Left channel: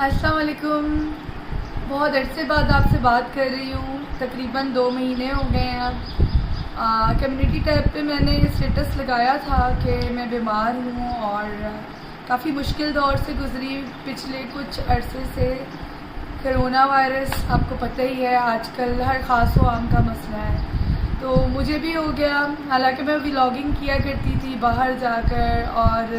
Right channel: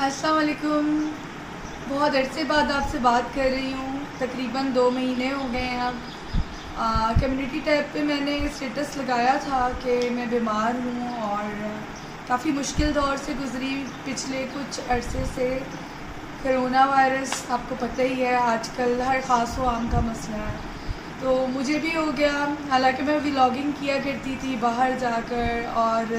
अस्सलाम वालेकुम। बहुत अरसे बाद आपसे बात कर रही हूँ। तकरीबन 2 महीने हो गए हैं अब। कम्युनिटी टैब पे मैंने स्टेटस लगाया था कि मैं बीमार हूँ और काफ़ी मुश्किल दौर से गुज़री पिछले कुछ अरसे से। कोरोना वायरस आपको पता ही है, आजकल हर ख़ास व आम का मसला है। तो मुझे भी हो गया। हालांकि मैं व्लॉगिंग किया करती थी बाहर जाकर और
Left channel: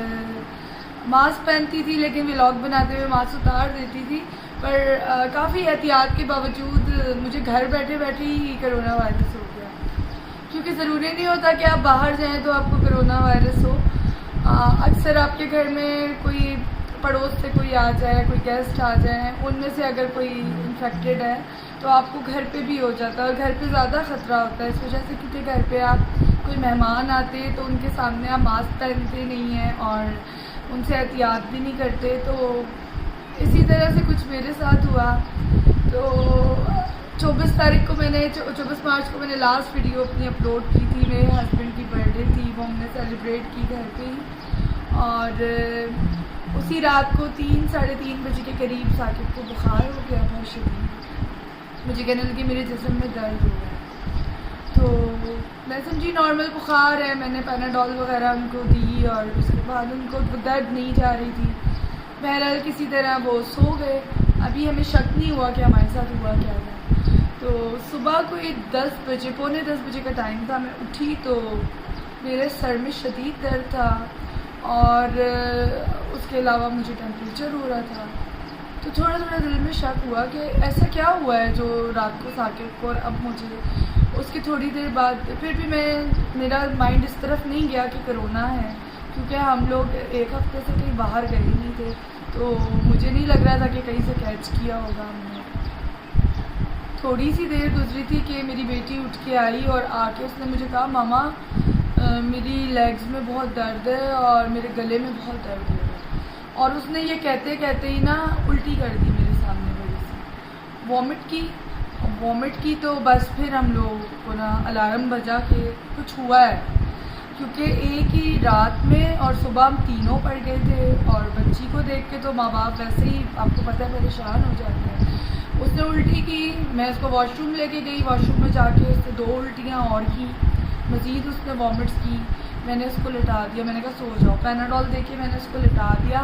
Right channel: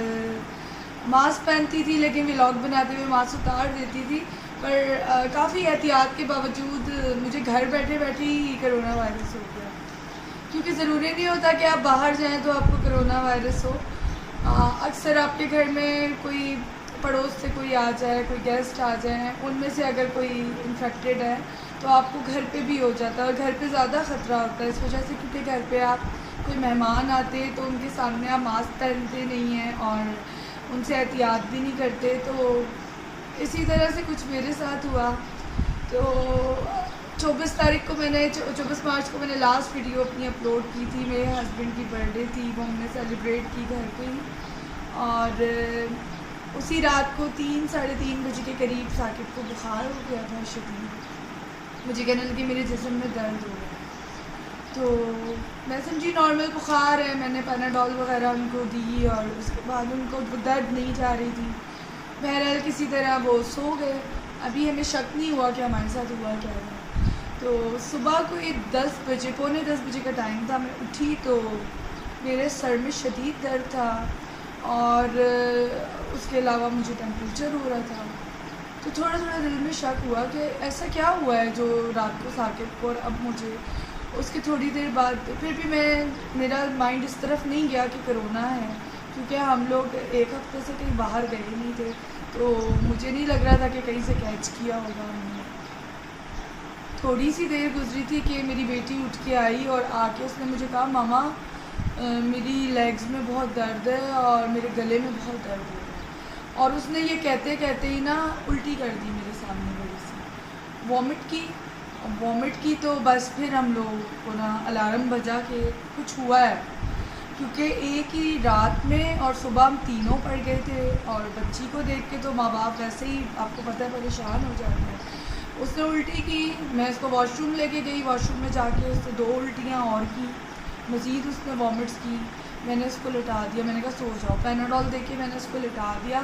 मास्क पहनती थी, लेकिन व्लॉग बनाते हुए मास्क उतार देती थी। पर काफ़ी एहतियात के बावजूद मुझे घर बैठे बैठे ही कोरोना वायरस हो गया। क्योंकि ज़रूरी नहीं होता कि आप बाहर जाएं तो आपको कोरोना वायरस हो। अक्सर आपके घर में कोई पड़ोस से कोई आ जाए, कोई गेस्ट आ जाए, उनमें से अगर कोई इन्फेक्टेड है तो आपको घर पे भी हो जाता है और घर पे ज़्यादा ख़तरा होता है इस वजह से, क्योंकि घर पे आप कोई मेहमान आते हैं तो उनके सामने आप मास्क पहनते नहीं हैं और उनसे एहतियात भी नहीं करते। तो इसी तरह से कुछ मेरे साथ हुआ। तो 24 तारीख को मैंने 24 मार्च को मैंने लास्ट वीडियो अपनी अपलोड की थी। मेरे हस्बैंड की बर्थडे थी, वो हमने सेलिब्रेट की घर पे ही। और उसी रात को 3 साढ़े 3 बजे के करीब साकिब को बुखार हो गया बहुत शदीद। मुझे कहने लगी मेरे जिस्म में दर्द हो रहा है। तो मैं समझी नॉर्मल बुखार है, मैंने पैनाडोल वगैरह उनको दी और उसके बाद उनको दर्द नहीं जा रही थी। बहरहाल किसी तरह वो सो गए। अभी हमें शक नहीं हुआ कि हमारे साथ हुआ क्या है। तो सुबह कोई 10 बजे, पौने 10 बजे का टाइम था, मैं उठी तो मेरे सर में शदीद दर्द था और उसके अलावा मुझे टेम्परेचर हो रहा था। तो थोड़ा थोड़ा दिल में शक हुआ कि ऐसा क्या हुआ है जो रात को साकिब को और अब मुझे। उसके थोड़ी देर बाद फिर भी मेरा माइंड इस तरफ नहीं गया कि कोरोना है, क्योंकि हम लोग एक हफ्ते से कहीं बाहर गए नहीं थे। तो मुझे नहीं लग रहा था कि कहीं से कैच किया होगा हमने। थोड़ी सी देर गुजरी थी कि मेरी बेटी उठ के आई और आके उसने मुझे कहा, मामा मेरी लेग्स में बहुत दर्द है और मेरे गले में बहुत दर्द हो रहा है। और उसने ये कहते कहते ही ना उल्टी कर दी मेरे सामने बड़ी सी, वॉमिट की। तो बस फिर हम लोग को ना अलार्म बजा के कुछ हुआ है, क्योंकि एक ही रात में और सुबह हम तीनों पड़ गए थे। और बच्ची को देख के तो माँ बाप वैसे ही आपको पता है परेशान हो जाते हैं। उसने उल्टी की, मैं उसको वॉशरूम लेके गई, वॉशरूम में जाके उसने 2 उल्टियाँ और की, मज़ीद उसने वॉमिट्स की। मैंने उसको लिटा दिया, मैंने कहा सो जाओ, पैनाडोल दे के मैंने उसको लिटा दिया।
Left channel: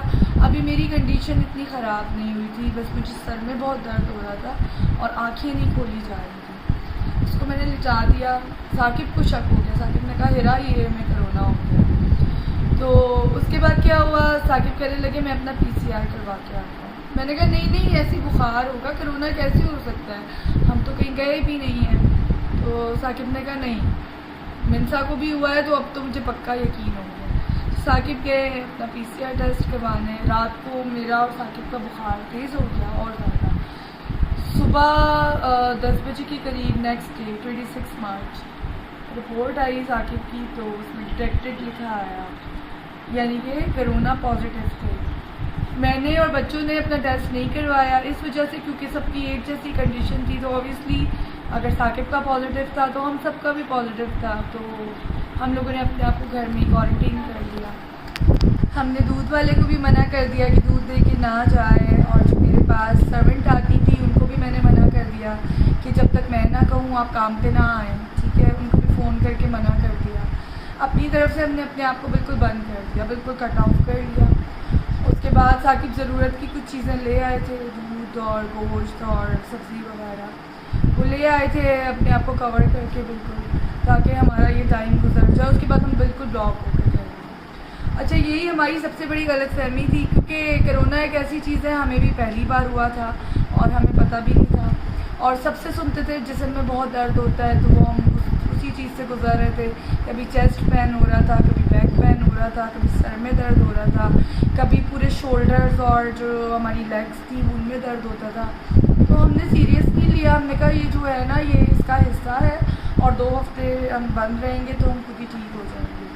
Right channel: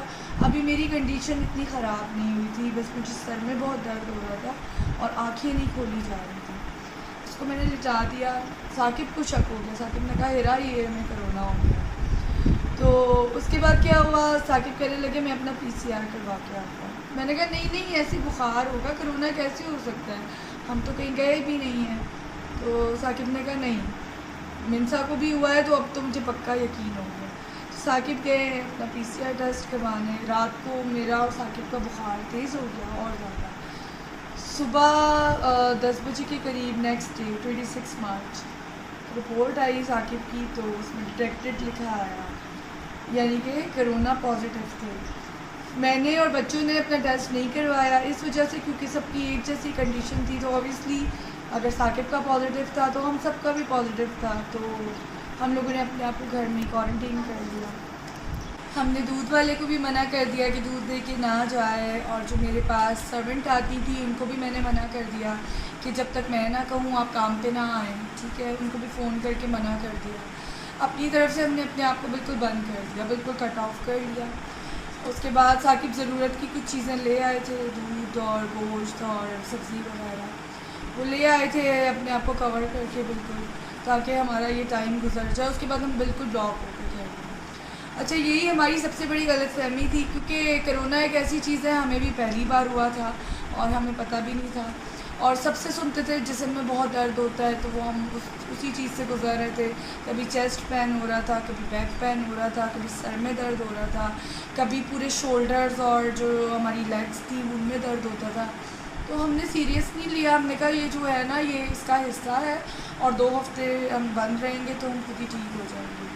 अभी मेरी कंडीशन इतनी ख़राब नहीं हुई थी, बस मुझे सर में बहुत दर्द हो रहा था और आँखें नहीं खोली जा रही थी। उसको मैंने लिटा दिया। साकिब को शक हो गया, साकिब ने कहा हिरा ये हमें कोरोना हो गया। तो उसके बाद क्या हुआ, साकिब कहने लगे मैं अपना PCR करवा के आता हूँ। मैंने कहा नहीं ऐसी बुखार होगा, कोरोना कैसे हो सकता है, हम तो कहीं गए भी नहीं हैं। तो साकिब ने कहा नहीं, मिनसा को भी हुआ है तो अब तो मुझे पक्का यकीन हो गया। साकिब गए अपना PCR टेस्ट करवाने। रात को मेरा और साकिब का बुखार तेज़ हो गया और ज़्यादा। सुबह 10 बजे के करीब नेक्स्ट डे 26 मार्च रिपोर्ट आई साकिब की, तो उसमें डिटेक्टेड लिखा आया, यानी कि कोरोना पॉजिटिव थे। मैंने और बच्चों ने अपना टेस्ट नहीं करवाया इस वजह से, क्योंकि सबकी एक जैसी कंडीशन थी। तो ऑब्वियसली अगर साकिब का पॉजिटिव था तो हम सबका भी पॉजिटिव था। तो हम लोगों ने अपने आप को घर में क्वारंटीन कर दिया। हमने दूध वाले को भी मना कर दिया कि दूध दे के ना जाए, और जो मेरे पास सर्वेंट आती थी उनको भी मैंने मना कर दिया कि जब तक मैं ना कहूँ आप काम पे ना आएँ, ठीक है। उनको भी फ़ोन करके मना कर दिया। अपनी तरफ से हमने अपने आप को बिल्कुल बंद कर दिया, बिल्कुल कट ऑफ कर लिया। उसके बाद साकिब ज़रूरत की कुछ चीज़ें ले आए थे, दूध और गोश्त और सब्ज़ी वगैरह वो ले आए थे, अपने आप को कवर करके बिल्कुल, ताकि हमारा ये टाइम गुजर जाए। उसके बाद हम बिल्कुल ब्लॉक हो गए थे। अच्छा, यही हमारी सबसे बड़ी गलतफहमी थी, क्योंकि कोरोना एक ऐसी चीज़ है, हमें भी पहली बार हुआ था और हमें पता भी नहीं था। और सबसे सुनते थे जिस्म में बहुत दर्द होता है, तो वो हम उसी चीज़ से गुजर रहे थे। कभी चेस्ट पेन हो रहा था, कभी बैक पेन हो रहा था, कभी सर में दर्द हो रहा था, कभी पूरे शोल्डर्स और जो हमारी लेग्स थी उनमें दर्द होता था। तो हमने सीरियस नहीं लिया, हमने कहा ये जो है ना ये इसका हिस्सा है और 2 हफ्ते हम बंद रहेंगे तो हम खुद ही ठीक हो जाएंगे।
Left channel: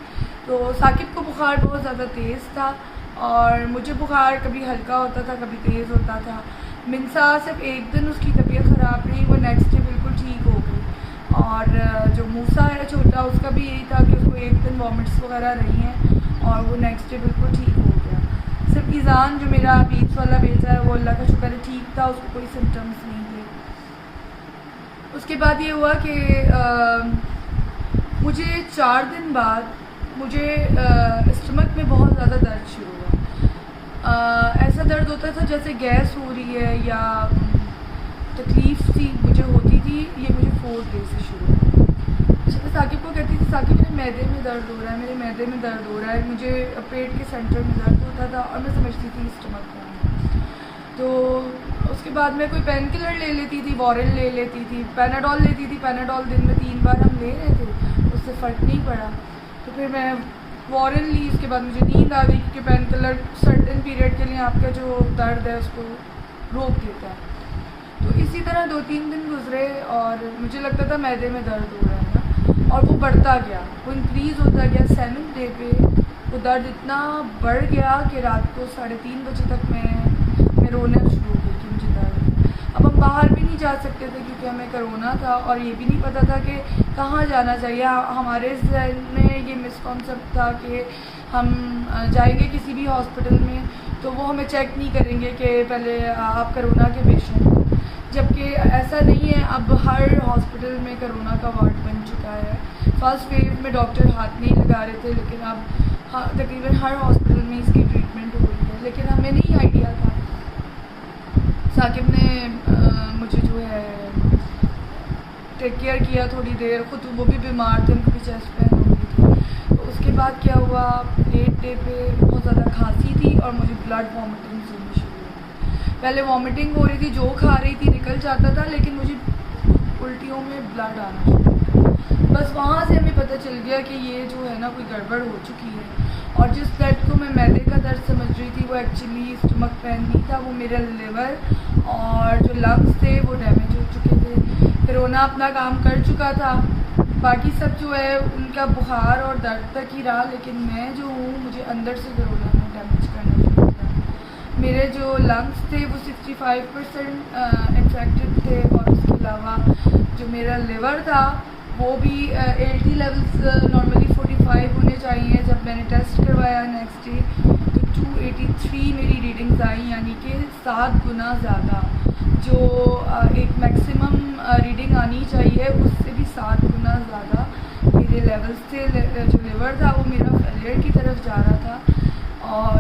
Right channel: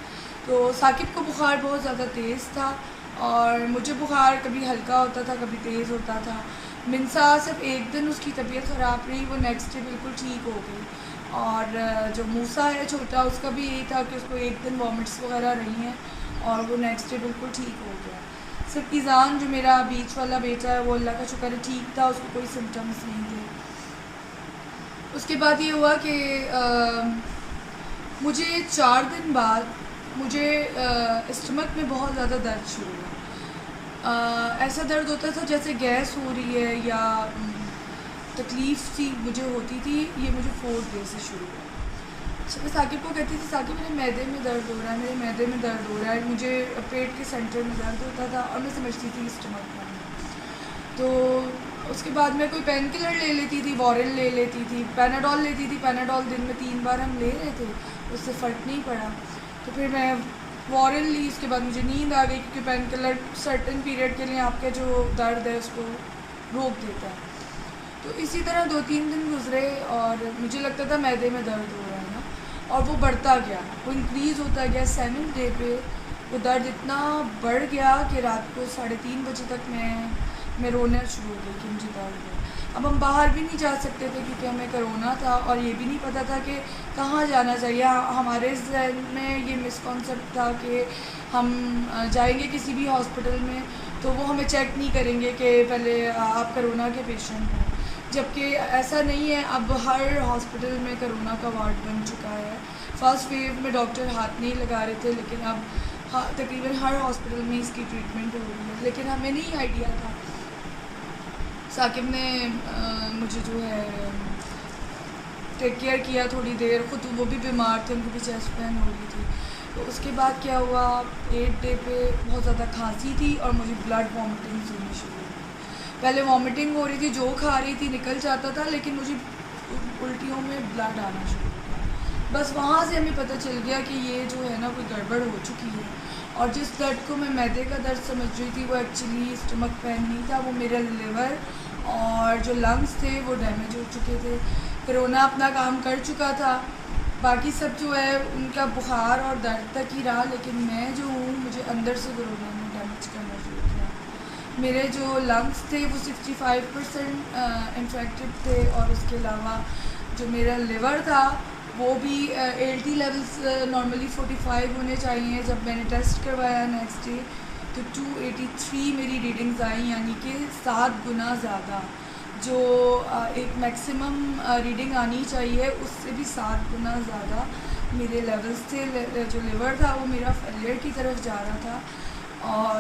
तो साकिब को बुखार बहुत ज़्यादा तेज़ था और मुझे बुखार कभी हल्का होता था, कभी तेज़ होता था। मिनसा सिर्फ एक दिन उसकी तबीयत ख़राब रही, वो नेक्स्ट डे बिल्कुल ठीक हो गई। और जो मूसा है छोटा, उसका भी यही था कि उसको एक दिन वॉमिट्स वगैरह रही हैं और वो नेक्स्ट डे बिल्कुल ठीक हो गया। सिर्फ ईज़ान जो मेरा बीच वाला बेटा है वो अल्लाह का शुक्र है ठीक था, उसको कोई सिम्टम्स नहीं थे। उसके बाद ये हुआ कि मुझे 4 दिन बाद मुझे स्टमक में बहुत ज़्यादा दर्द शुरू हुआ। ऐसा दर्द होता था जैसे गैस हो रही है या तकलीफ़ सी मुझे होती थी। ये मुझे 4 डे से शुरू हुआ। मैं साकिब को कहती थी, साकिब मेरे मैदे में दर्द हो रहा है, मेरे मैदे में दर्द हो रहा है। मुझे पेट के सेंटर में दर्द होता था और मैं समझती थी स्टमक में। तो उसके बाद मैं कोई पेन किलर ले लेती थी, वॉरेन ले लेती थी, पैनाडोल लेती थी। पैनाडोल दिन में 3 बार हम ले रहे थे, उससे फ़र्क नहीं पड़ा। तो फिर मैं वॉरेन ली। उसके बाद मुझे नींद आ गई क्योंकि पेन किलर सर्टेन पीरियड के लिए आपका जो दर्द है उसको रोक देता है। तो इसी तरह 2-3 दिन गुजरे और मुझे लगता था मैदे में दर्द हो रहा है ना, और वो बढ़ता गया, वो इंक्रीज़ होता गया। 7th डे पे वो दर्द इतना बढ़ गया कि रात को 3:30 बजे तक मैं रोना शुरू हो गई कि मुझे दर्द है। अब हम बाहर भी नहीं जा सकते थे क्योंकि हमें कोरोना था और ये भी नहीं पता था कि कहाँ जाना चाहिए। हमारे ज़हन में ये मिसकॉन्सेप्ट था कि हम जाएंगे किसी भी हॉस्पिटल में तो वो हमें चेक नहीं करेंगे कि पहले आप कोरोना के पेशेंट हो, जबकि ऐसा नहीं है। अब हर हॉस्पिटल में कोरोना का वार्ड बन चुका है। फर्स्ट वेव में डॉक्टर हाथ नहीं लगा रहे थे, लेकिन अब तकरीबन हर हॉस्पिटल में इसकी ट्रीटमेंट हो रही है। लेकिन हमें नहीं आइडिया था। साकिब ने मुझे जो है टेक केयर किया थोड़ी देर, ख़ुद वो भी बीमार थे, उनको भी चेस्ट पेन हो रही थी। तो उसके बाद क्या हुआ, 8 डे पे बहुत ज़्यादा खांसी थी और मुझे ब्लड वॉमिटिंग होनी शुरू हुई। पहले वॉमिटिंग हो रही थी, जो खा रही थी निकल जाता था, लेकिन मुझे उल्टियों में ब्लड आना शुरू हो गया। बस वहाँ से हमें पता चल गया कि ये जो है ना कोई गड़बड़ हो चुकी है। और जिस दर्द को मैं मैदे का दर्द समझ रही थी वो एक्चुअली स्टमक पेन नहीं था, वो मेरा लिवर और जो लंग्स थे वो डैमेज हो चुके थे। कोरोना अपना काम कर चुका था, बाकी सब जो है उनका बुखार और दर्द तक ही रहा, लेकिन मैं जो हूँ मुझे अंदर से कोरोना ने डैमेज करना शुरू किया। मेरे जो लंग्स थे वो 65% इन्फेक्टेड थे और उसके अलावा जो मेरा लिवर था वो भी ALT लेवल्स नॉर्मली 45 होने चाहिए। जब मैंने टेस्ट करवाया नेक्स्ट डे तो 283 मेरी रीडिंग्स आई, यानी कि 7 गुना ज़्यादा। जो एक मैक्सिमम रीडिंग आनी चाहिए उससे भी 7 गुना ज़्यादा मेरे लेवल्स थे। जो लिवर था वो मेरा फेलियर की तरफ जा रहा था और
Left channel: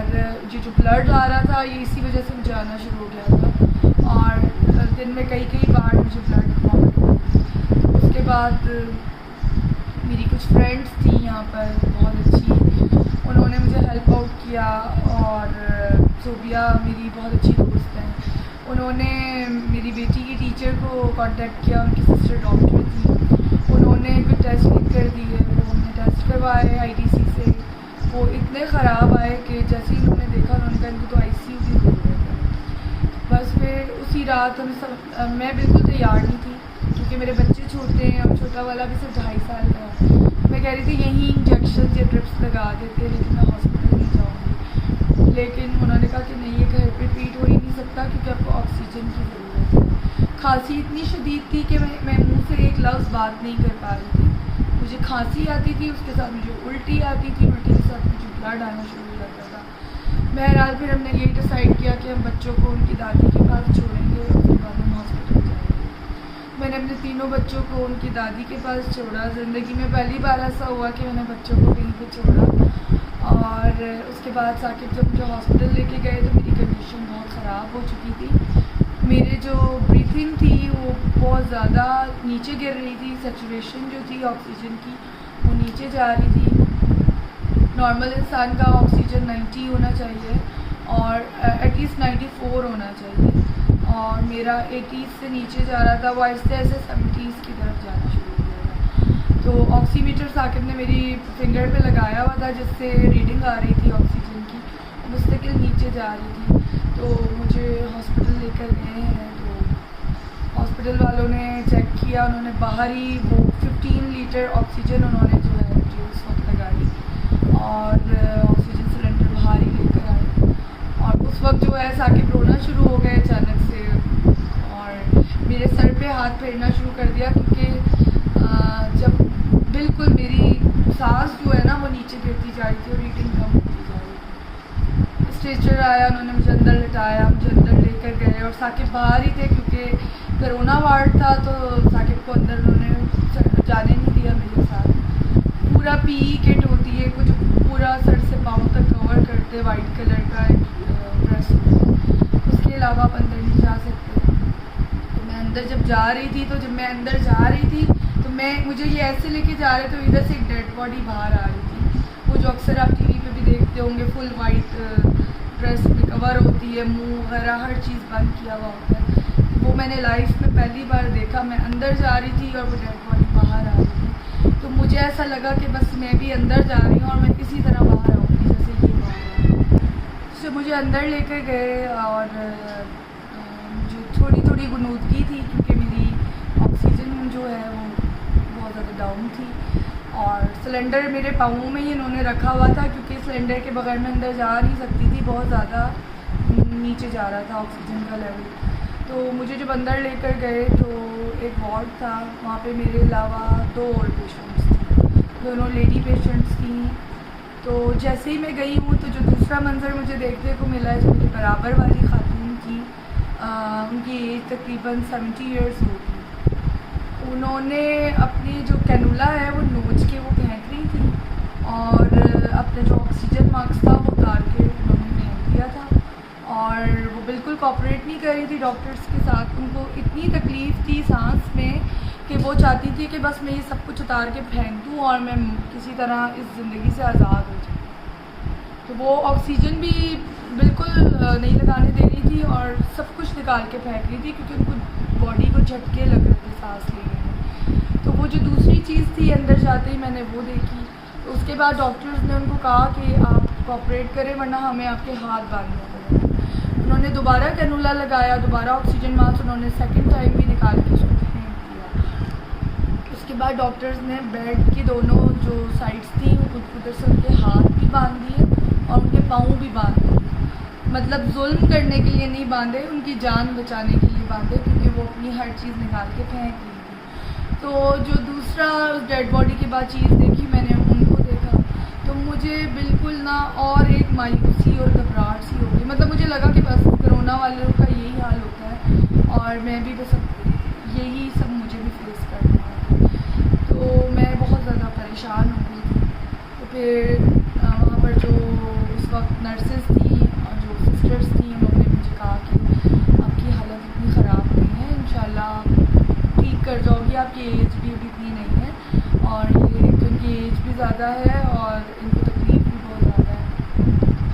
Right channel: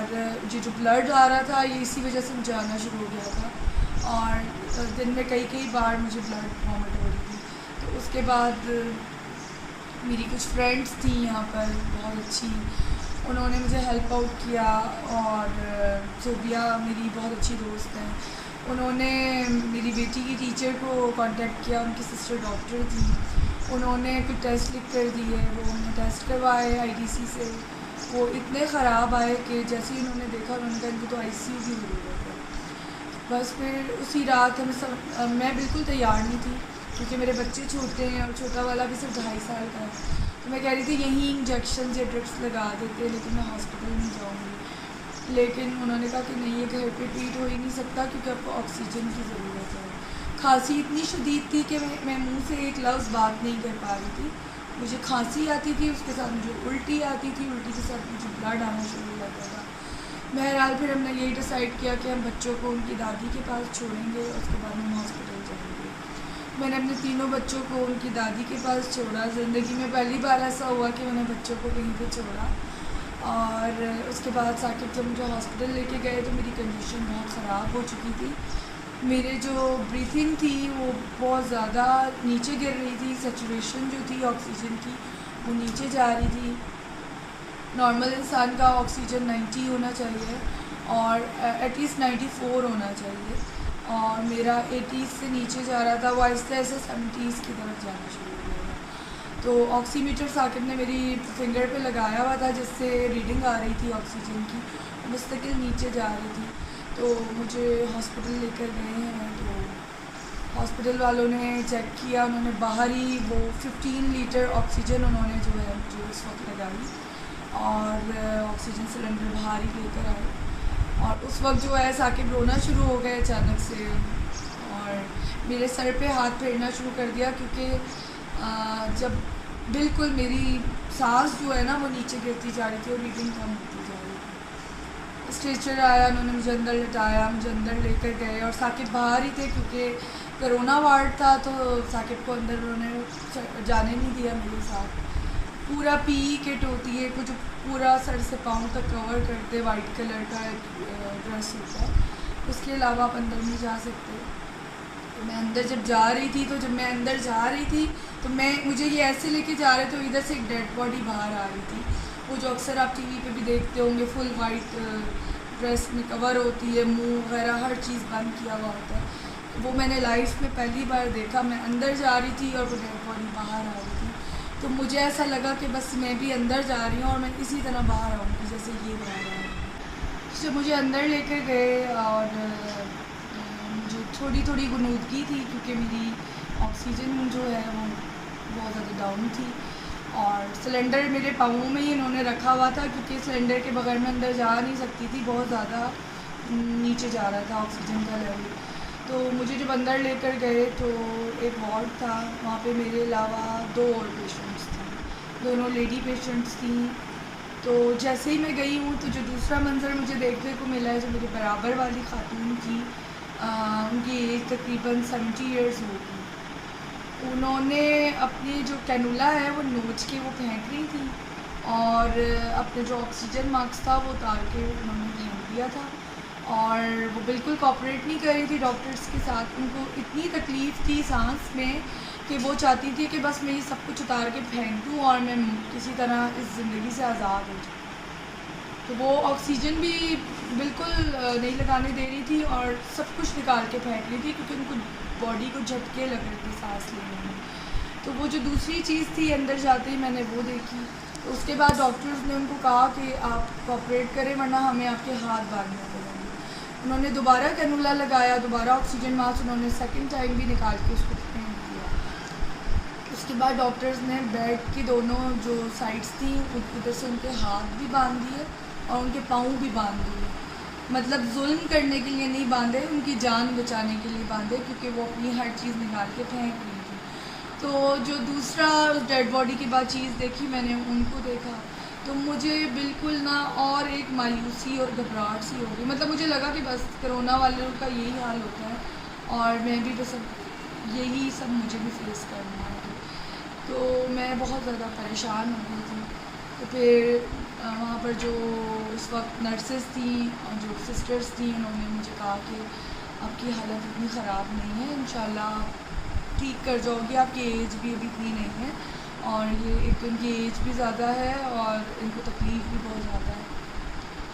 जो ब्लड आ रहा था ये इसी वजह से मुझे आना शुरू हो गया था और दिन में कई बार मुझे ब्लड वॉमिट हो रही थी। उसके बाद मेरी कुछ फ्रेंड्स थी यहाँ पर बहुत अच्छी, उन्होंने मुझे हेल्प आउट किया। और सोबिया मेरी बहुत अच्छी दोस्त हैं, उन्होंने मेरी बेटी की टीचर को कांटेक्ट किया, उनकी सिस्टर डॉक्टर थी, उन्होंने कुछ टेस्ट लिख कर दिए। वो हमने टेस्ट करवाए IDC से, वो इतने ख़राब आए कि जैसे ही उन्होंने देखा उन्होंने कहा इनको तो ICU की ज़रूरत है। बस फिर उसी रात मैं बिल्कुल तैयार नहीं थी क्योंकि मेरे बच्चे छोटे हैं और छोटा वाला भी सिर्फ 2.5 साल का है। तो मैं कह रही थी यहीं इंजेक्शन या ड्रिप्स लगा देते, लेकिन मैं हॉस्पिटल नहीं जाऊँगी। लेकिन उन्होंने कहा कि नहीं, ये घर पे ट्रीट हो ही नहीं सकता क्योंकि आपको ऑक्सीजन की ज़रूरत है। खांसी इतनी शदीद थी कि मैं मुँह से एक लफ्ज़ बात नहीं कर पा रही थी। मुझे खांसी आती थी, उसके साथ मुझे उल्टी आती थी, उल्टी के साथ मुझे ब्लड आना शुरू हो जाता था। बहरहाल फिर हमने यही डिसाइड किया कि हम बच्चों को उनकी दादी के पास छोड़ेंगे, उसके बाद हम हॉस्पिटल जाएंगे। मैंने अपने तीनों बच्चों को उनकी दादी के पास छोड़ा। ज़िंदगी में पहली बार ऐसा हुआ कि मैंने बच्चों को कहीं पे छोड़ा। और उसके बाद साकिब जब मुझे हॉस्पिटल लेके गए तो मेरी कंडीशन बहुत ख़राब हो चुकी थी। मेरे जो ब्रीथिंग थी वो बहुत ज़्यादा नीचे गिर रही थी, सैचुरेशन जो थी ऑक्सीजन की वो नीचे जा रही थी। नॉर्मल इंसान का ऑक्सीजन 90 होना चाहिए और एटलीस्ट 94 होना चाहिए, और मेरा 80s से नीचे जा रहा था, वो आहिस्ते आहिस्ते 70s की तरफ जाना शुरू हो गया था। तो ऑक्सीमीटर साकिब ने मेरी फिंगर पे लगाया हुआ था जिससे रीडिंग आ रही थी ऑक्सीजन की, मुस्तकिल नीचे जा रही थी। तो मुझे हॉस्पिटल लेकर गए हैं, तो हॉस्पिटल वालों ने चेक किया, उन्होंने बाहर ही वो 15 लीटर ऑक्सीजन उन्होंने जो है मुझे उस वक्त लगाई और ऑक्सीजन सिलेंडर बाहर ही लेकर आए। और उस वक्त जो है साकिब रोना शुरू हो गए अचानक से और मेरे सर पे हाथ फेरना शुरू कर दिया क्योंकि जब बिल्कुल मेरी सांस जो है ना वो नीचे गिरती जा रही थी और रीडिंग कम होती जा रही थी। स्ट्रेचर आया, उन्होंने मुझे अंदर लिटाया, मुझे अंदर लेकर गए और साकिब बाहर ही थे क्योंकि कोरोना वार्ड था, तो साकिब को अंदर उन्होंने जाने नहीं दिया मेरे साथ। पूरा पीई किट होती है कुछ, पूरा सर से पाँव तक कवर करते, वाइट कलर का ड्रेस होता है, उसके अलावा आप अंदर नहीं जा सकते। तो मैं अंदर जब जा रही थी, तो जब मैं अंदर जा रही थी तो मुझे ये ऐसे लेके जा रहे थे, तो इधर से एक डेड बॉडी बाहर आ रही थी, वो जो अक्सर आप टीवी पे भी देखते होंगे, फुल वाइट ड्रेस में कवर होती है, मुंह वगैरह हर चीज़ बंद किया हुआ होता है। वो मैंने लाइफ में पहली बार देखा। मैं अंदर जा रही थी और वो डेड बॉडी बाहर आ रही थी, तो मुझे ऐसा लगा कि बस मैं भी अंदर जा रही हूँ और मैं इसी तरह बाहर आऊँगी जैसे ये बाहर आ। जब मुझे अंदर लेकर गए और मुझे थोड़ी थोड़ी गुनूदगी थी क्योंकि मेरी ऑक्सीजन जो है वो बहुत ज़्यादा डाउन थी, और सिलेंडर मेरे पाँवों में ही इन्होंने रखा हुआ था क्योंकि सिलेंडर के बगैर मैं अंदर जा नहीं सकती थी, बहुत ज़्यादा नीचे जा रहा था ऑक्सीजन का लेवल। तो मुझे जब अंदर लेकर गए तो एक वार्ड था, वहाँ पे मेरे अलावा 2 और पेशेंट्स थी, दोनों लेडी पेशेंट्स थी। तो जैसे ही मैं गई हूँ तो जो दूसरा मंज़र मुझे देखने को मिला है, जो मेरे बराबर वाली खातून थी, उनकी एज तकरीबन 70 ईयर्स होगी, उन्होंने अपनी जो कैनुला है वो नोच के वो फेंक रही थी और अपने जो ऑक्सीजन मास्क था वो उतार के उन्होंने फेंक दिया था, और वो बिल्कुल कोऑपरेट नहीं कर रही थी डॉक्टर्स के साथ। उनको इतनी तकलीफ़ थी सांस में कि वो चाहती थी कि बस मैं ये सब कुछ उतार के फेंक दूँ और मैं किसी तरह इस ज़िंदगी से आज़ाद हो जाऊँ। तो वो ऑक्सीजन भी बिल्कुल नहीं लगाने दे रही थी और सब कुछ निकाल के फेंक रही थी क्योंकि उनको बॉडी को झटके लग रहे थे सांस लेने में। तो वो जो दूसरी चीज़ थी, अंदर जाते ही मैंने वो देखी। तो उसके बाद डॉक्टर्स ने उनको कहा कि आप कोऑपरेट करें वरना हमें आपके हाथ बांधने पड़ेंगे। उन्होंने दोबारा कैनुला लगाया, दोबारा ऑक्सीजन मास्क उन्होंने सेकंड टाइम भी निकाल के उसको फेंक दिया। उसके बाद डॉक्टर्स ने बेड की दोनों जो साइड्स थी उधर से उनके हाथ भी बांध दिए और उनके पाँव भी बांध दिए। मतलब जुल्म करने के लिए नहीं बांधे, उनकी जान बचाने के लिए बांधे क्योंकि वो अपनी हर चीज़ निकाल के फेंक रही थी। तो जो दूसरा उस डेड बॉडी के बाद चीज़ देखी मैंने, उनको देखा तो मुझे बिल्कुल ना और एक मायूसी और घबराहट सी हो गई। मतलब मुझे लगा कि बस कोरोना वालों का यही हाल होता है और मैं भी बस यही सब मुझे भी फेस करना है। तो मैं बहुत ज़्यादा परेशान हो गई थी। तो फिर वहाँ पर जो उस वक्त नर्सेस थी और जो सिस्टर्स थी, उन्होंने मुझे कहा कि आपकी हालत इतनी ख़राब नहीं है, इंशाल्लाह ठीक कर जाओगी, आपकी एज भी अभी इतनी नहीं है और ये एक तो इनकी एज भी ज़्यादा है और इनको तकलीफ़ भी बहुत ज़्यादा है।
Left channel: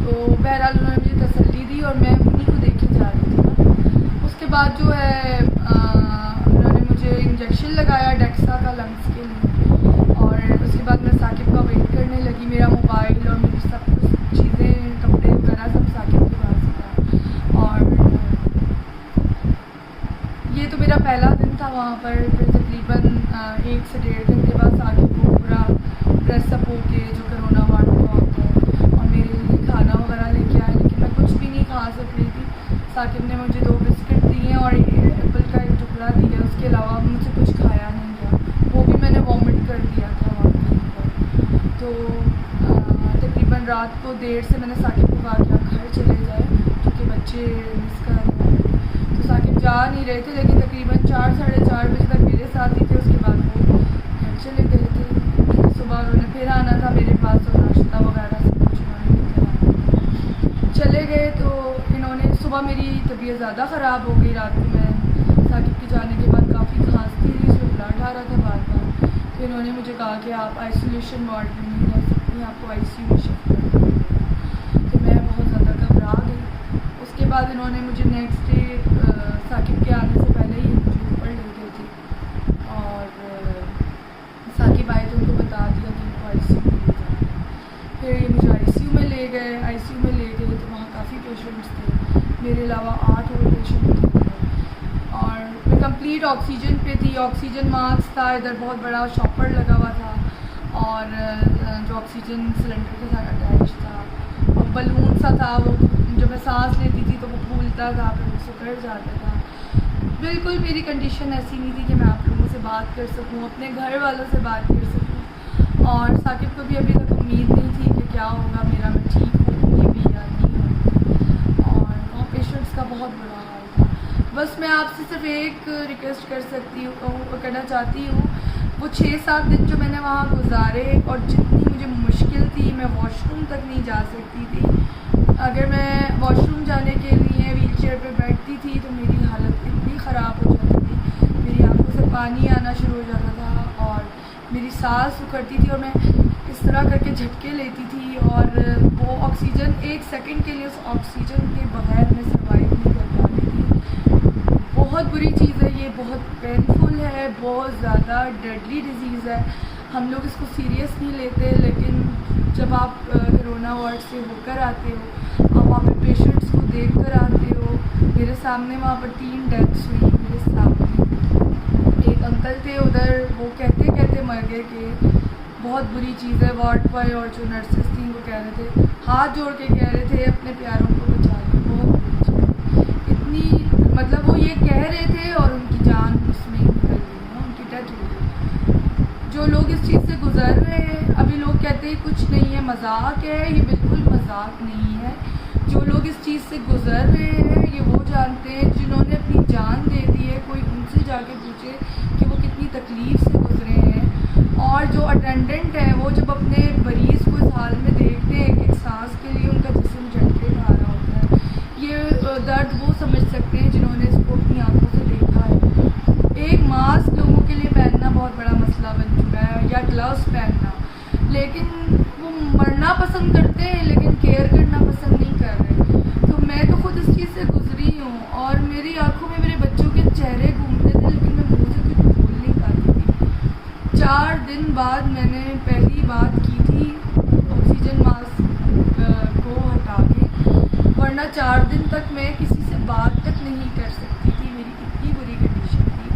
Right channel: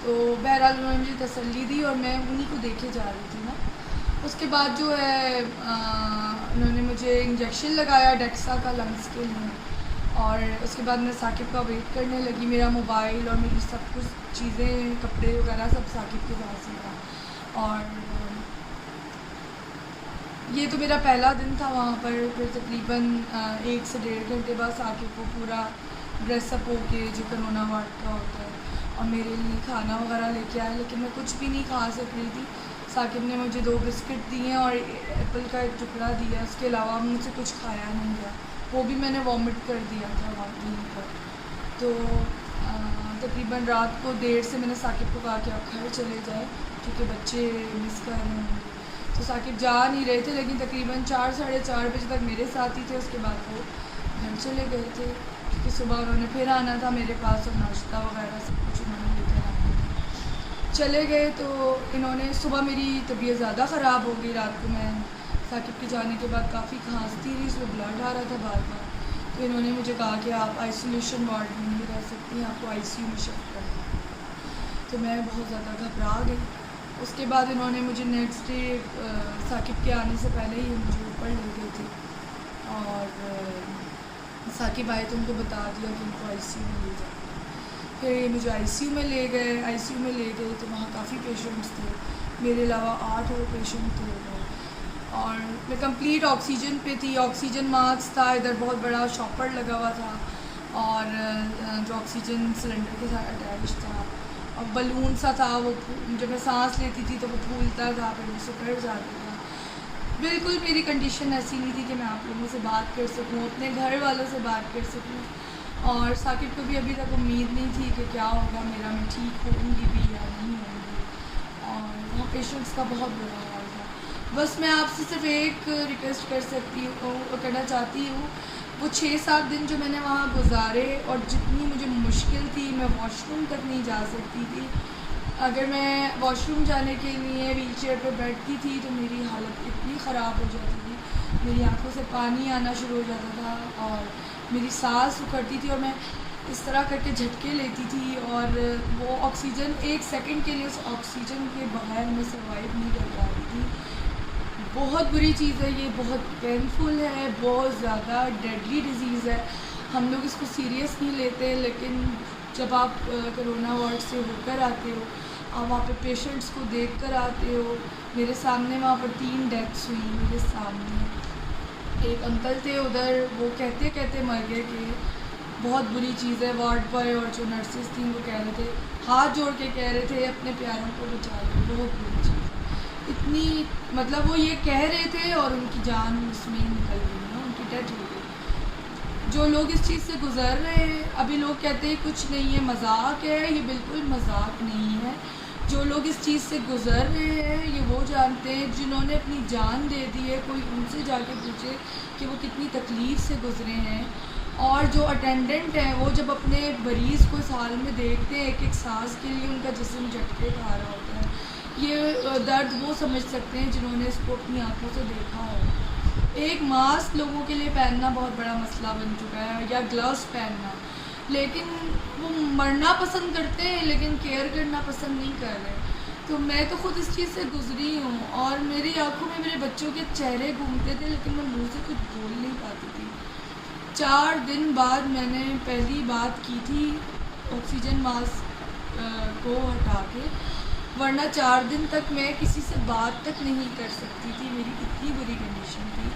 तो बहरहाल उन्होंने मुझे तसल्ली दी और मैं उन्हीं को देखे जा रही थी ना। उसके बाद जो है उन्होंने मुझे इंजेक्शन लगाया डेक्सा का लंग्स के लिए, और उसके बाद मैं साकिब का वेट करने लगी। मेरा मोबाइल और मेरी सब कुछ चीज़ें, कपड़े वगैरह सब साकिब के पास ही था। और ये तो मेरा पहला दिन था वहाँ पर। फिर तकरीबन 1 से 1.5 घंटे बाद साकिब को पूरा ड्रेसअप होके जो कोरोना वार्ड का होता है और मेरे लिए खाना वगैरह लेके आया, लेकिन मैं कुछ भी नहीं खा सक रही थी। साकिब ने मुझे 2 बिस्किट दिए और एप्पल का एक टुकड़ा दिया, उसके अलावा मुझसे कुछ खाया नहीं गया, वो भी मैंने वॉमिट कर दिया था वहाँ पर। तो तकरीबन रात को देर से मैंने साकिब को कहा कि आप घर चले जाएँ क्योंकि बच्चे मिस कर रहे हैं। तो साकिब जा नहीं रहे थे, लेकिन तकरीबन 4 साढ़े 4 बजे तक मेरे साथ ही थे। उसके बाद वो घर चले गए थे क्योंकि सुबह उन्होंने फिर आना था मेरे पास और नाश्ता वगैरह सब कुछ उन्होंने लेकर आना था। चले गए तो इन्होंने सुबह मेरी तबीयत ज़्यादा ख़राब हो गई। रात को मैं साकिब के जाने के बाद काफ़ी खांसती रही, उसमें ब्लड आ रहा था बार बार। तो इन्होंने मुझे कहा कि आप आइसोलेशन वार्ड में नहीं रह सकती, आपको ICU में शिफ्ट करना है। तो मैं बहुत ज़्यादा घबरा गई। उसके बाद इन्होंने मुझे नेक्स्ट डे साकिब के आने से पहले ही मुझे ऊपर ले गए थे और साकिब आए तो उनको बता दिया कि इनको ICU में ले जाना है। फिर ये मुझे ICU में ले गए। ICU में ले गए तो वहाँ काफ़ी पेशेंट्स थे, मेरे अलावा 8 और पेशेंट थे और मैं कंप्लीट ऑक्सीजन पे थी। ऑक्सीजन मास्क था, इधर बहुत बड़ा शॉपर लगा हुआ था और जो ऑक्सीजन सिलेंडर के साथ अटैच था और बलून सा था, वो जब मैं सांस लेती थी तो वो फूलता था, फिर वो सिकुड़ जाता था। बिल्कुल मेरी कंडीशन ऐसी नहीं थी कि मैं आप लोगों से बात कर सकूं, अपने घर वालों से बात कर सकूं। और साकिब को भी अभी तक उम्मीद नहीं थी कि क्या होगा मेरा, मैं ठीक होंगी भी या नहीं होंगी। पेशेंट्स का बहुत बुरा हाल था। बस मैं आपसे सिर्फ एक रिक्वेस्ट करना चाहती हूँ, वो 6-7 दिन जो मैंने वहाँ गुजारे और जितनी मुझे मुश्किल थी, मैं वॉशरूम तक नहीं जा सकती थी। अगर मैं वॉशरूम जाने के लिए व्हीलचेयर पे बैठती थी तो मेरी हालत इतनी ख़राब हो जाती थी, मेरी आंखों से पानी आना शुरू हो जाता था और मेरी सांस उखड़ती थी और मैं इस तरह करके झटके लेती थी और वो ऑक्सीजन 1 सेकंड के लिए उस ऑक्सीजन के बगैर मैं सर्वाइव नहीं कर पा रही थी। बहुत बुरी चीज़ है ये, बहुत पेनफुल है, बहुत ज़्यादा डेडली डिज़ीज़ है। हम लोग इसको सीरियस नहीं लेते, लेकिन जब आप कोरोना वार्ड से होकर आते हो, आप वहाँ पे पेशेंट्स को देख कर आते हो। मेरे सामने वहाँ पर 3 डेथ्स हुई मेरे सामने। एक अंकल थे उधर, वो कहते कहते मर गए कि बहुत बुरी चीज़ है वार्ड पर, और जो नर्सेस थी वो कह रहे थे, हाथ जोड़ के कह रहे थे अपने प्यारों को बचा लो, बहुत बुरी चीज़। इतनी मतलब वो ये कह रहे थे और उनकी जान उसमें ही निकल गई ना, उनकी डेथ हो गई। जो लोग इस चीज़ से गुज़र रहे हैं, अभी लोग कहते हैं कुछ नहीं है, मजाक है, ये बिल्कुल मजाक नहीं है। जो लोग इस चीज़ से गुज़र रहे हैं ये वो जानते हैं, जिन्होंने अपनी जान दे दी है, कोई उनसे जाके पूछे कि वो कितनी तकलीफ़ से गुज़रे हैं। और जो अटेंडेंट हैं वो जब अपने मरीज़ को इस हाल में देखते हैं, एक एक सांस के लिए उनका जिस्म झटके खा रहा होता है, ये दर्द वो समझ सकते हैं जिन्होंने इसको अपनी आंखों से देखा है। एक मास्क लोगों के लिए पहनना बहुत बड़ा मसला बन चुका है, या ग्लव्स पहनना, लेकिन वो मरना पसंद करते हैं लेकिन केयर करना पसंद नहीं कर रहे। तो मैं तो ख़ुद इस चीज़ से गुजरी हूँ और मेरी आंखों में मेरे बच्चों के चेहरे घूमते थे, लेकिन मैं मुँह से कुछ बोल नहीं पाती थी। 4 दिन बाद मैंने पहली बात की थी ऑक्सीजन मास्क को हटा के, वरना 4 दिन तक मैं किसी से बात तक नहीं कर सकती थी। मेरी इतनी बुरी कंडीशन थी,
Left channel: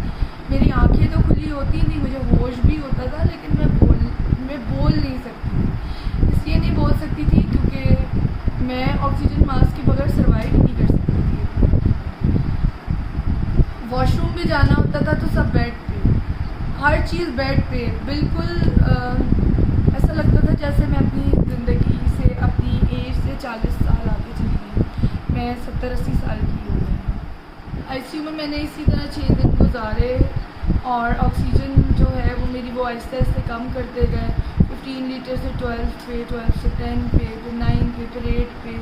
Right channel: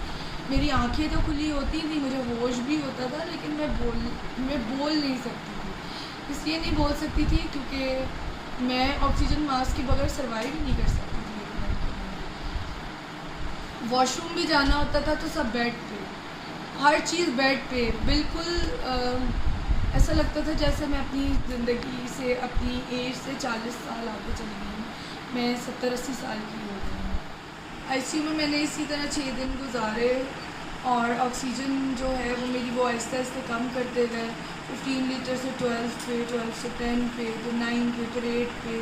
मेरी आंखें तो खुली होती थी, मुझे होश भी होता था, लेकिन मैं बोल नहीं सकती थी। इसलिए नहीं बोल सकती थी क्योंकि मैं ऑक्सीजन मास्क के बगैर सर्वाइव नहीं कर सकती थी। वॉशरूम भी जाना होता था तो सब बेड पे, हर चीज़ बेड पे, बिल्कुल ऐसा लगता था जैसे मैं अपनी ज़िंदगी से, अपनी एज से 40 साल आगे चली गई। मैं 70-80 साल की हो गई हूँ। आईसीयू में मैंने इसी तरह 6 दिन गुजारे और ऑक्सीजन जो है वो मेरी वो आहिस्ते आहिस्ते कम करते गए। 15 लीटर से 12 पे, 12 से 10 पे, फिर 9 पे, फिर 8 पे,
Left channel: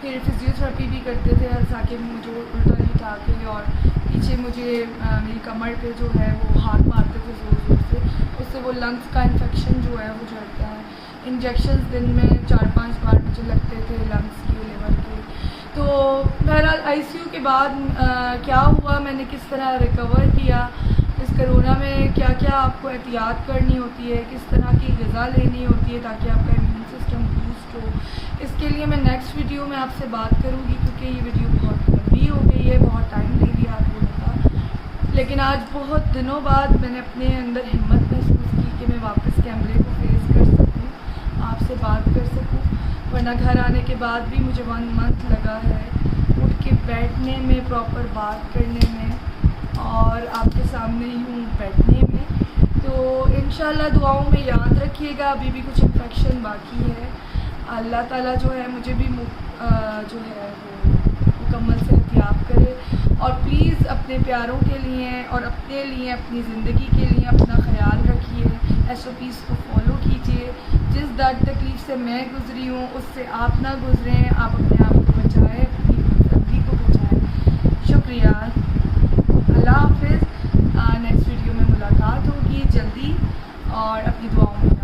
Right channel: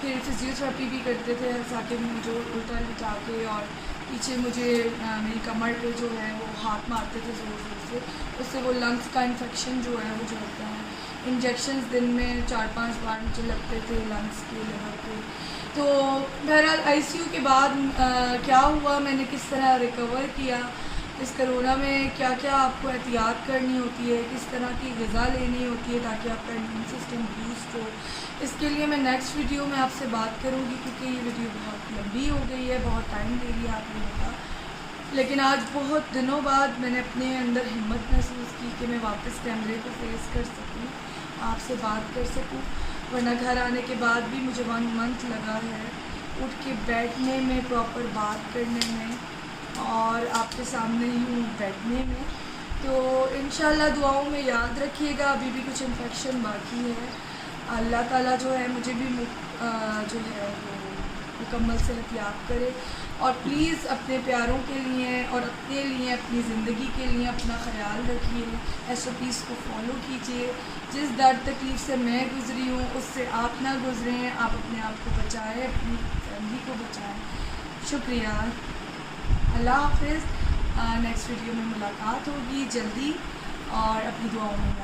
फिर फिजियोथेरेपी भी करते थे ताकि मुझे उल्टा लिटा के, और पीछे मुझे मेरी कमर पे जो है वो हाथ मारते थे ज़ोर ज़ोर से, उससे वो लंग्स का इन्फेक्शन जो है वो झड़ता है। इंजेक्शंस दिन में 4-5 बार मुझे लगते थे लंग्स के, लिवर के। तो बहरहाल आईसीयू के बाद क्या हुआ, मैंने किस तरह रिकवर किया, इस कोरोना में क्या क्या आपको एहतियात करनी होती है, किस तरह की ग़िज़ा लेनी होती है ताकि आपका इम्यून सिस्टम बूस्ट हो, इसके लिए मैं नेक्स्ट वीडियो में आपसे बात करूँगी, क्योंकि ये वीडियो बहुत लंबी हो गई है, बहुत टाइम ले लिया आप लोगों का। लेकिन आज बहुत दिनों बाद मैंने अपने अंदर हिम्मत महसूस की कि मैं वापस कैमरे को फेस कर सकूँ, आपसे बात कर सकूँ, वरना घर आने के बाद भी मुझे 1 मंथ लगा है उठ के बैठने में, प्रॉपर बात करने में और आपके सामने यूँ बैठने में। तो इंशाल्लाह दुआओं में याद रखिएगा, अभी भी कुछ इन्फेक्शन बाकी है। अल्लाह ताला जो है मुझे भी जो है वो मुकम्मल सेहतियाब करे, और प्लीज़ अपने प्यारों के लिए और अपने लिए, अपनी ज़िंदगी के लिए अपना ख्याल रखिए, SOPs को फॉलो कीजिए। जिस दर्द तकलीफ़ से मैं गुज़री हूँ उससे आप ना गुज़रें, आप अपने आप को बचाएँ, अपनी फैमिली को बचाएँ। शुक्रिया, अल्लाह हाफ़िज़। नेक्स्ट वीडियो में मुलाकात होगी जल्दी, और अपनी दुआओं में